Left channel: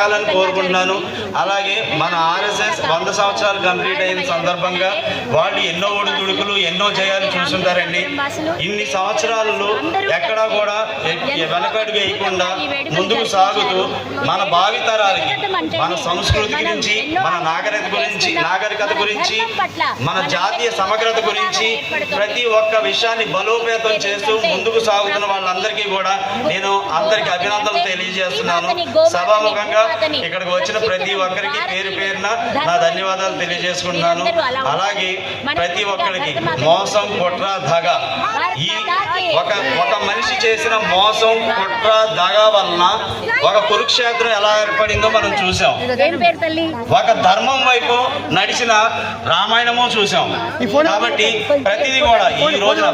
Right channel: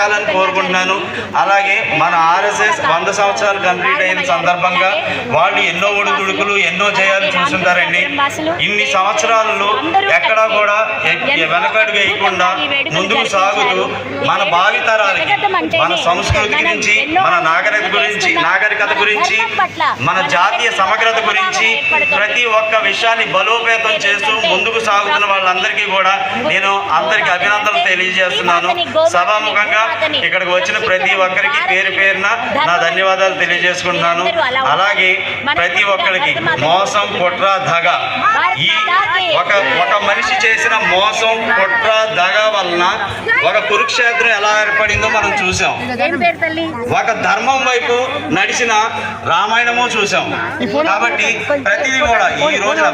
సాగాలని కోరుకుంటున్నాను. అలాగే మన ఆర్ఎస్ఎస్ 100 సంవత్సరాలు కంప్లీట్ అయిన సందర్భంగా వాళ్ళు ఎన్నో ఒడిదుడుకులు ఎన్నో జయాలు చూస్తుంటారండి. ఇన్ని సంవత్సరాలలో ఎక్కడా కూడా వెనకడుగు వేయకుండా ముందుకు సాగుతూ మన భావితరాలకి మన సంస్కృతి గురించి, మన నాగరికత గురించి, మన జాతీయ సమగ్రత గురించి ప్రతి ఒక్క విషయాన్ని బలోపేతం చేస్తూ ముందుకు సాగుతున్న వాళ్ళందరికీ కూడా నేను అందరికీ అభినందనలు తెలియజేస్తున్నాను. సభాముఖంగా ఇక్కడికి వచ్చిన ప్రతి ఒక్కరికి పేరు పేరున నా ధన్యవాదాలు తెలియజేసుకుంటున్నాను. అలాగే ప్రతి ఒక్కరికి మోసం, కుట్ర, దగ, ఈ ఒక మనిషి చేసిన మోసం, కుట్ర, దగ వలన ఒక కురుక్షేత్రం ఎలా ఏర్పడిందో మనం చూసాం. ఒక ధర్మం వైపు నడిచిన రామాయణము చూసాం. కాబట్టి ప్రతిదీ కూడా ఈ రోజున